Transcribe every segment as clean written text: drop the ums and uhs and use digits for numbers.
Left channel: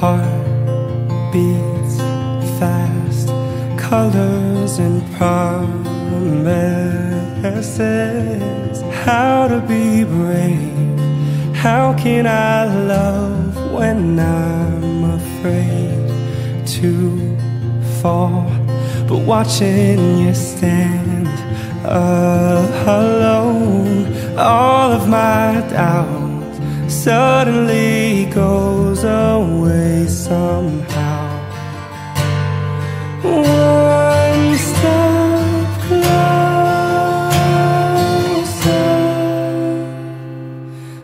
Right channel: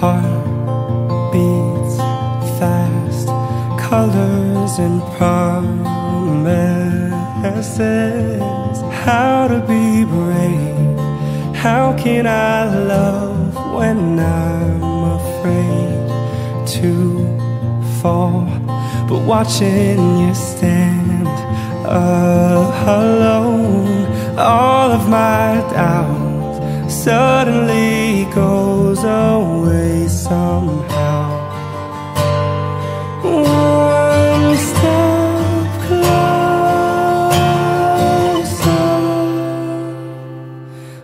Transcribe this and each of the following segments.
heart beats fast, colors and promises. How to be brave, how can I love when I'm afraid to fall? But watching you stand alone, all of my doubt suddenly goes away somehow. One step closer.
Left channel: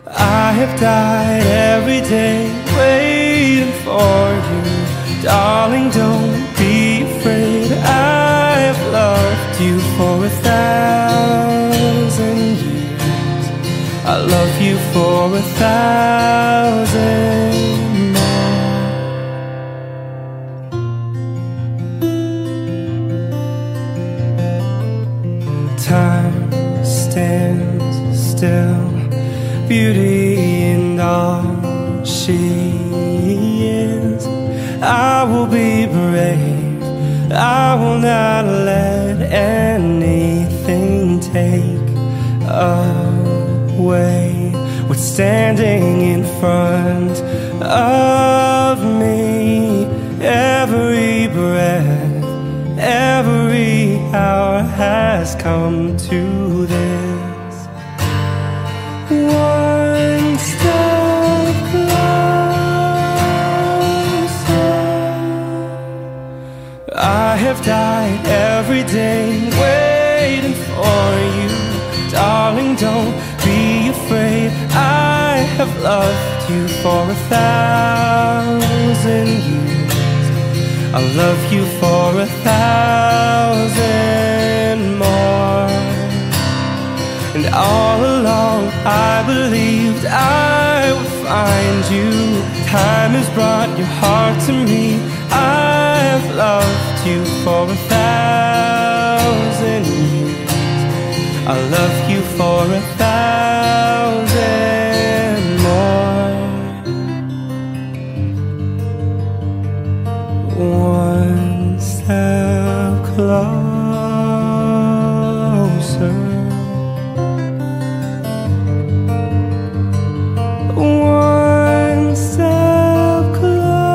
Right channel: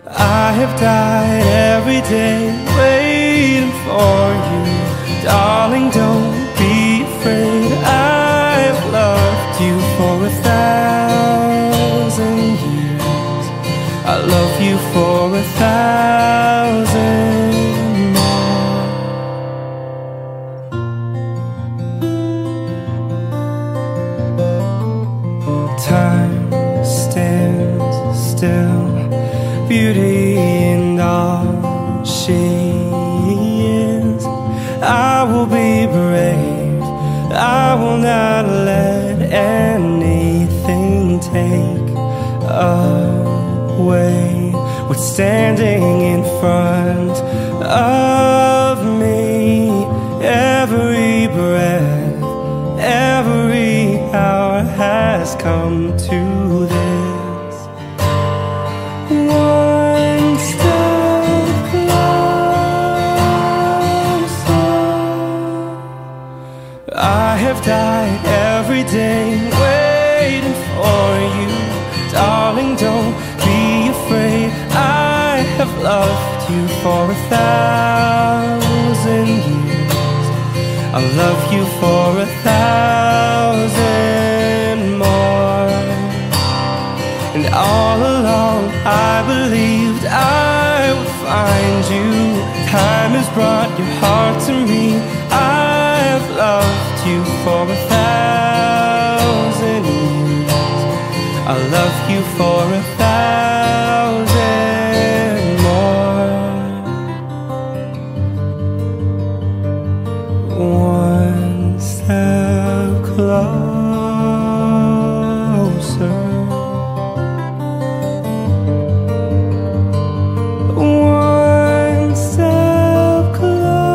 I have died every day waiting for you. Darling, don't be afraid. I have loved you for 1,000 years. I love you for 1,000 more. Time stands still, beauty in all she is. I will be brave, I will not let anything take away what's standing in front of me. Every breath, every hour has come to this. One step closer. I have died every day waiting for you. Darling, don't be afraid. I have loved you for 1,000 years. I'll love you for 1,000 more. And all along I believed I would find you. Time has brought your heart to me. I have loved you for 1,000 years. I'll love you for 1,000 more. One step closer. One step closer.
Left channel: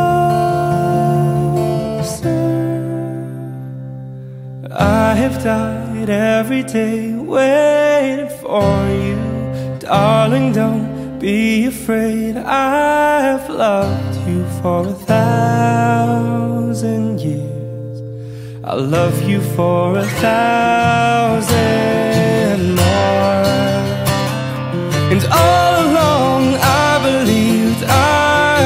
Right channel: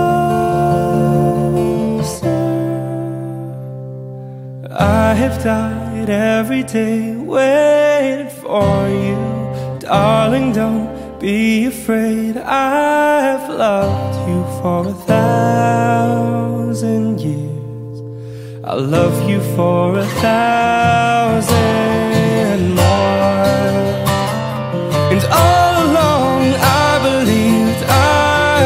I have died every day waiting for you. Darling, don't be afraid. I have loved you for 1,000 years. I'll love you for 1,000 more. And all along I believed I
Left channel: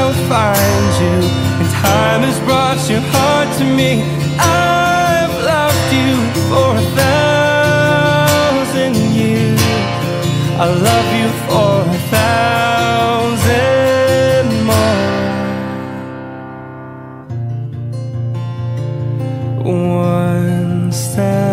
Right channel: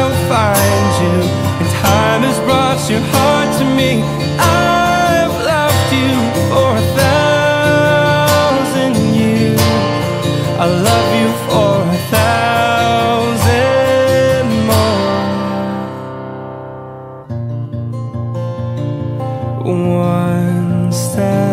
would find you. And time has brought your heart to me. I've loved you for 1,000 years. I love you for 1,000 more. One step